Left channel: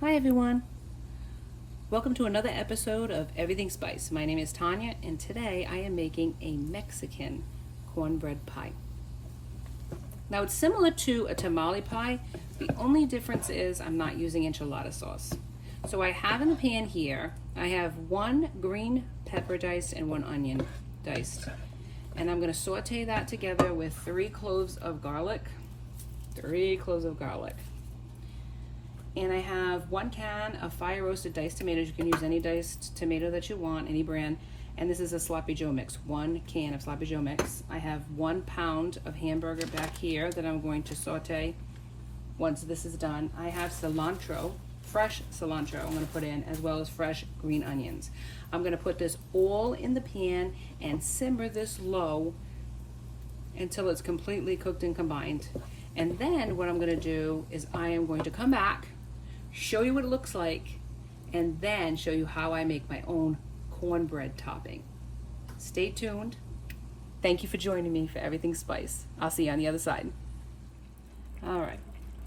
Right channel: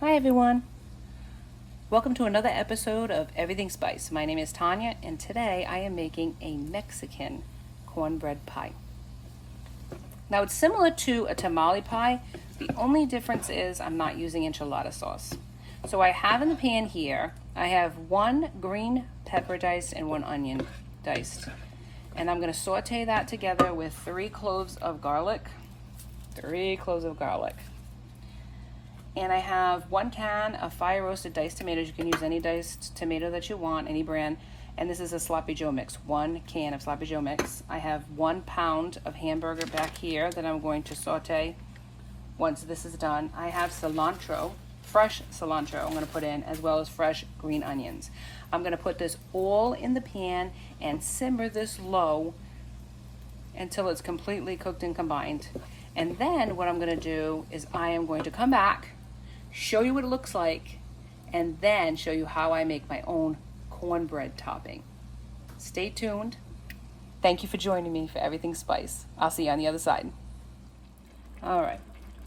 Hi everyone. Welcome to another episode of Everything Spice. My name is Tanya and today I am making a Mexican cornbread pie. Now it's similar to a tamale pie. The only difference is I'm not using enchilada sauce. So I have in the pan here, I have 1 green pepper diced and 1 onion diced. And I'm going to saute that together with 3 cloves of garlic. 3 cloves of garlic. And I have 1 can of fire roasted diced tomatoes. You can use any diced tomato that you want, any brand. And this is a sloppy Joe mix, 1 can of sloppy Joe mix. I have 1 pound of hamburger back here that I'm going to saute once this is done. I have cilantro, fresh cilantro I'm going to put in, as well as fresh green onions. I'm going to put this all in the pan and simmer this low until it's completely cooked and combined. And then what I'm going to do is I am going to come back, show you what it looks like, and then show you how I make my own cornbread topping. Stay tuned. Thank you for joining me for Everything Spice. I'll see you on the other side. All right,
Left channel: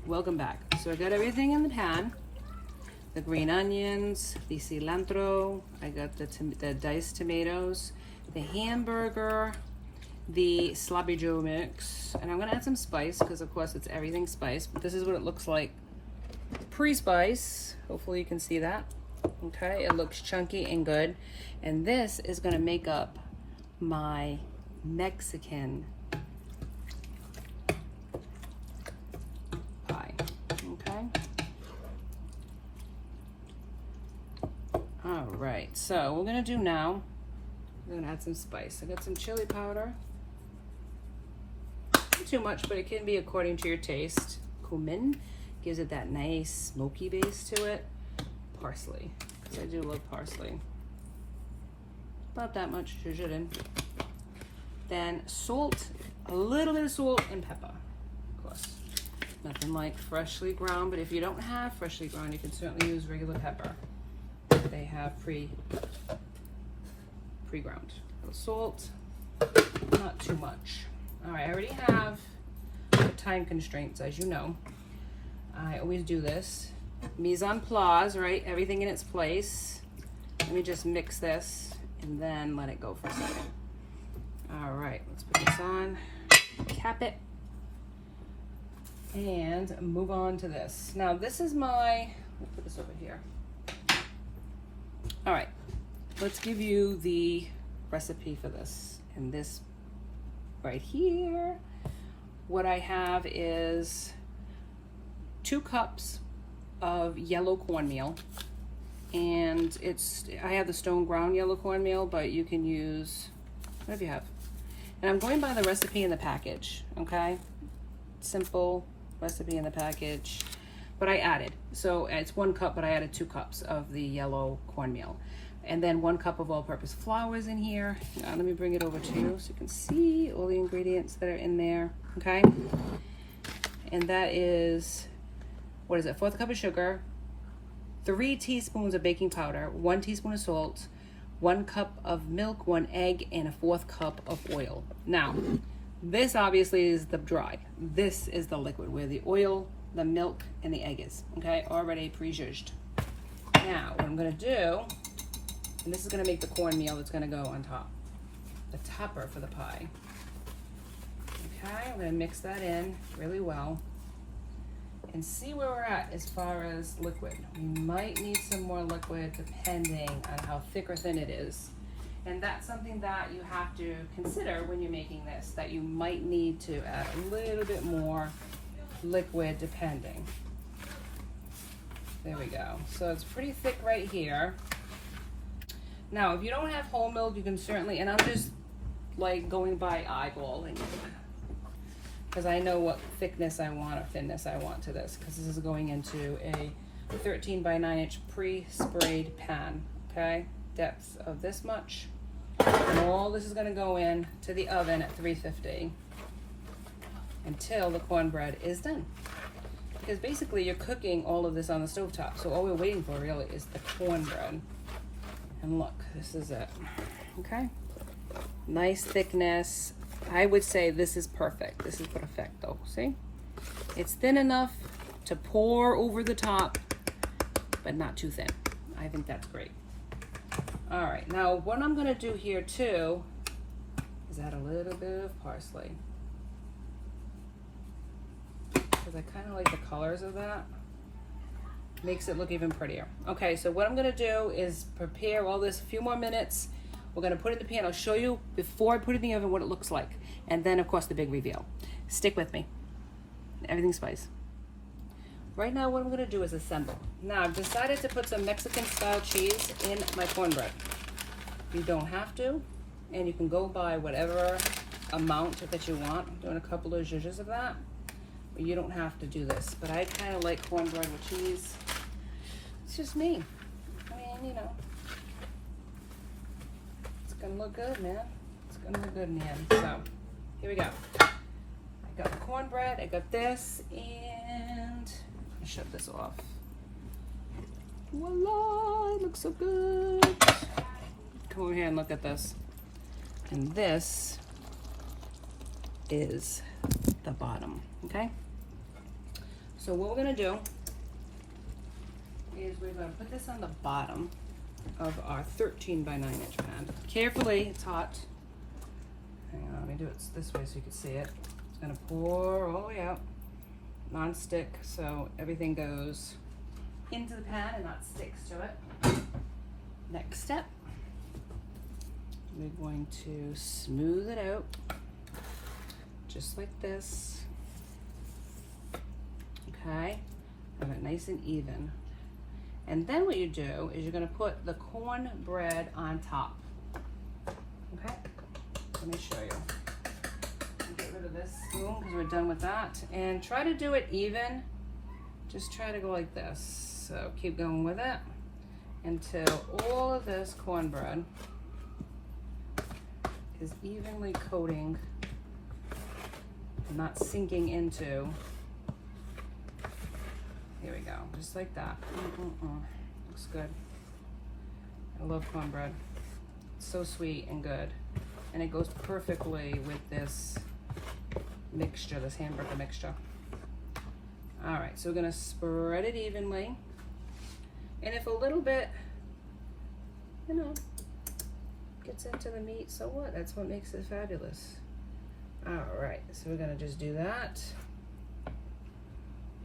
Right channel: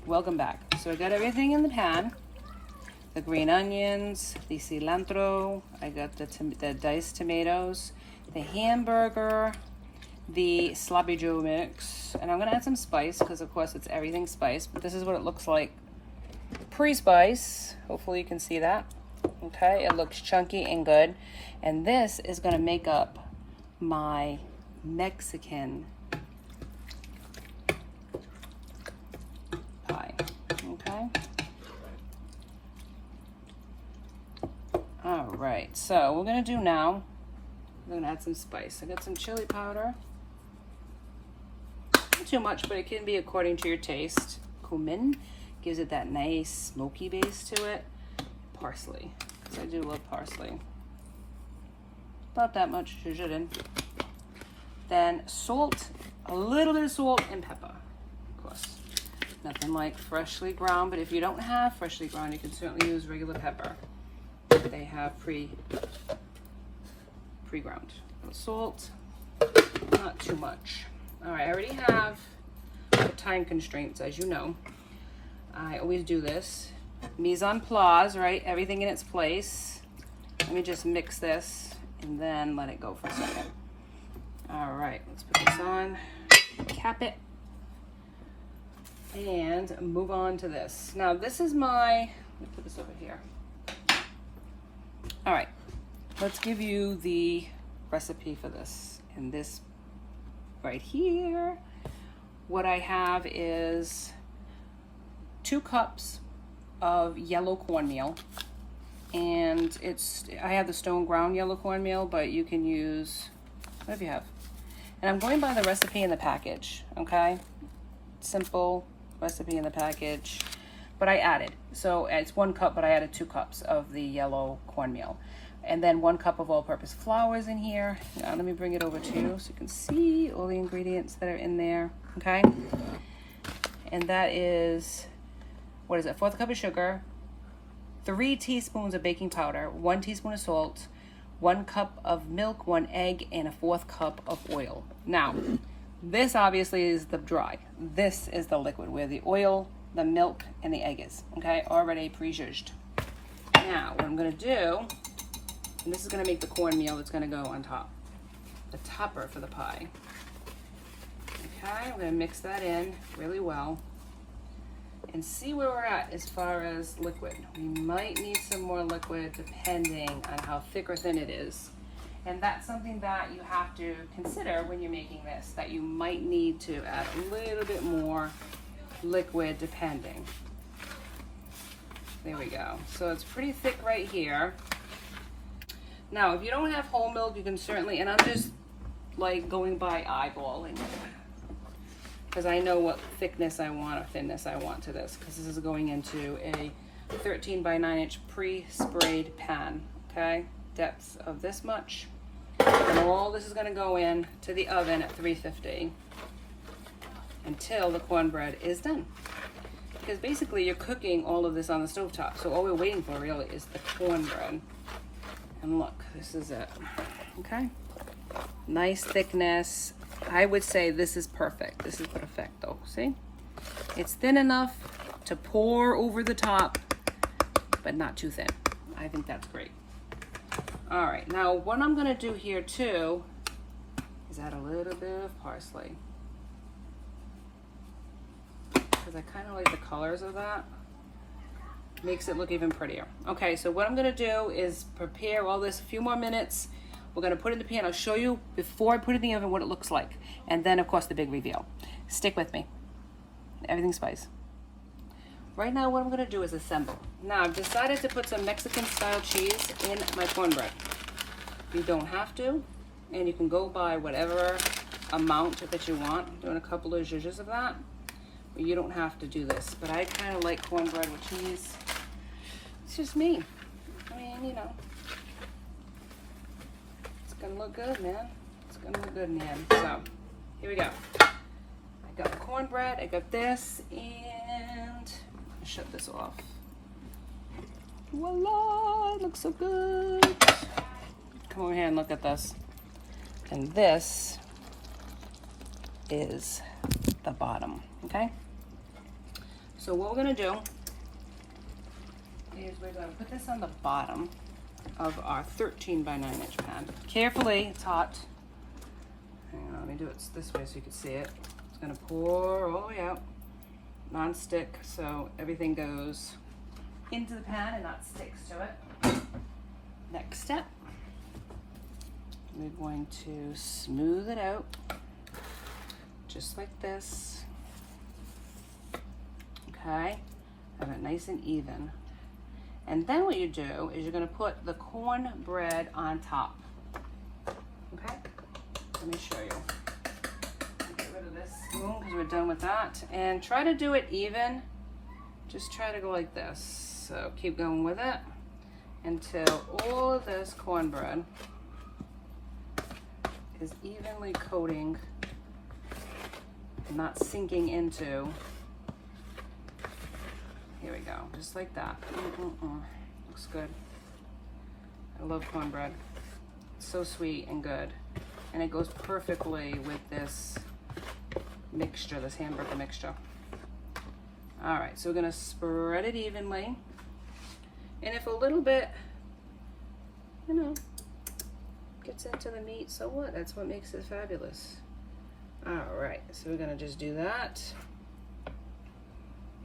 welcome back. So I got everything in the pan. The green onions, the cilantro, I got the diced tomatoes, the hamburger, the sloppy Joe mix, and I'm gonna add some spice because of course it's everything spice, but this is what it looks like pre-spice. Hopefully you can see that. Okay, it looks chunky and good. And this is gonna make up my Mexican pie. Okay. All right, so we're gonna do now, we're gonna add some spice. I got some chili powder. Not too much, but it can be according to your taste. Cumin gives it that nice smoky base to it. Parsley, because I do love parsley. About that much you shouldn't. Then salt, a little bit of salt and pepper, of course. Nothing like freshly ground, but if you don't have freshly ground, you can certainly use regular pepper. They have pre-ground. Salt, not too much. All right, I already have the time constraints, as you know. I always do this. Mise en place, right? Everything in its place. Let me just mix this and then let it go for a second. All right, let's put this on, cap it, and move on to this. Now this is my, let me put this over here. All right, let's give you the recipe for this. And this right here, what I have is 2 cups of yellow cornmeal, and I have the stone ground yellow cornmeal, but you can use whatever you have. And I'm going by the recipe in the package, okay? Simple recipe in the package, but I added, so it's 1 cup, but I added 2 cups of the yellow cornmeal. And then 1 cup of all-purpose flour is in here. Now, let me bring it over to you so you can see all the ingredients that are in there, okay? And that is, what is it, 1/4 cup of sugar, 3 teaspoons of baking powder, 1 teaspoon of salt, 1 cup of milk, 1 egg, and a 1/4 cup of oil. Now, this obviously is the dry. This is the liquid where the oil, the milk, and the egg is, okay? Already pre-judged. Now, what I'm gonna do, and this is gonna make the cornmeal that's gonna go on top, the topper for the pie. Okay, I'm gonna mix that in really well and see where we're at as far as liquid. We might need some more liquid depending on how thick or thin it is. And that's something that you have to consider when you're making this, that you might need to add a little bit more liquid depending. There we go. So it's pretty thick right here. Now, if you don't have whole milk, you can certainly, and I'm just like going by eyeballing it, because I know what thickness I want or thinness I want to this, because this is going into a 13 by 9 inch pre-sprayed pan, okay? Depth of this much. And all this is gonna go in to the oven at 350 until the cornbread is done. Because basically you're cooking all of this on the stovetop, so all we're waiting for really is the cornbread. And look, this is it, okay? Nice thickness. I would say this is perfect. This is perfecto, see? It's thin enough to pour over the top but not too thin. I think that's great. All right, now what I'm gonna do here too is add a little bit of parsley, because I kind of like the colors of that. Makes it look even prettier. Okay, so what I'm gonna do is prepare all this a few more minutes. We're gonna put it in the pan. I'll show you before I put it in the oven what it looks like. And then of course the big reveal. Stick with me. Everything spice. Right now what I'm gonna do is assemble. Now I've decided to put some Mexican style cheese in my cornbread. You don't have to, and you can go by whatever amount that you want. I'm doing a couple of zhuzhes of that. But you don't have to do this, but I kind of like cornbread with cheese. It's just me. I mean, you know, it's gonna look good, man. It's gonna look good, man. So, here we go. I got the cornbread, I got this, and I'll shut this off. Voila, it looks so good. Come over here and look at this. And this is the bottom, okay? So what we're gonna do is we're gonna put this on the bottom of our 13 by 9 inch pan. Carefully, it's hot. Hang on, let me do it this way so you can see it. It's gonna pour all the way out, non-stick, so everything goes into the pan and not sticks to it. Next step, we're going to smooth it out, just like this. Okay, have it nice and even. And then what you do is you're gonna put the cornbread on top. Okay, let me show you. Get rid of this spoon because we're done with that. And try to do it even. Just try to go like this. So keep going with it until all of this cornbread is evenly coating and not sinking into. Here we go, just like that. Looks good. I love cornbread. It's so sweet and good. And it goes perfectly with this mixture, this hamburger mixture. All right, so we're gonna spread it evenly. And if a little bit, you know, gets into the meat, so what? That's what makes it fabulous. All right, so we're gonna just do that.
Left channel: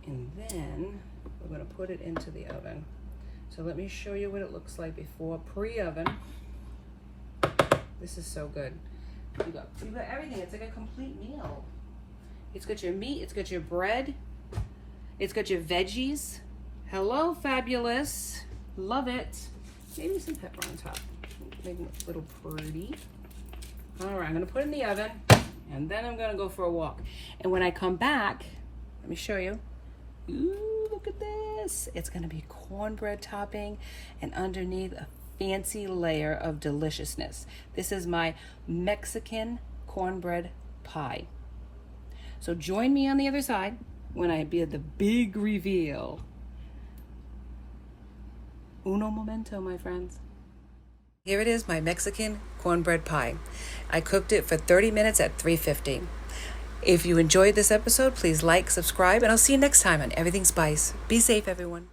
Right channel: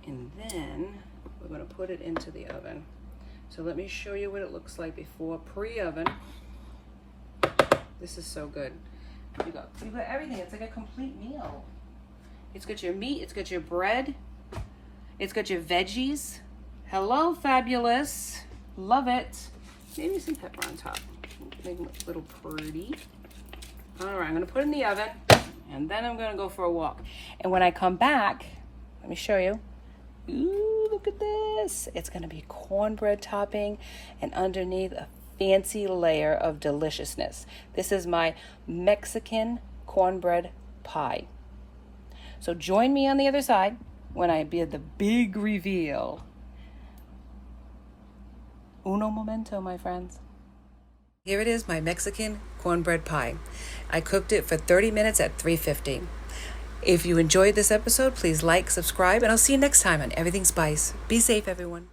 And then we're gonna put it into the oven. So let me show you what it looks like before pre-oven. This is so good. You got everything, it's like a complete meal. It's got your meat, it's got your bread, it's got your veggies. Hello, fabulous. Love it. Maybe some pepper on top. Make it a little pretty. All right, I'm gonna put it in the oven and then I'm gonna go for a walk. And when I come back, let me show you. Ooh, look at this. It's gonna be cornbread topping and underneath a fancy layer of deliciousness. This is my Mexican cornbread pie. So join me on the other side when I do the big reveal. Uno momento, my friends. Here it is, my Mexican cornbread pie. I cooked it for 30 minutes at 350. If you enjoyed this episode, please like, subscribe, and I'll see you next time on Everything Spice. Be safe, everyone.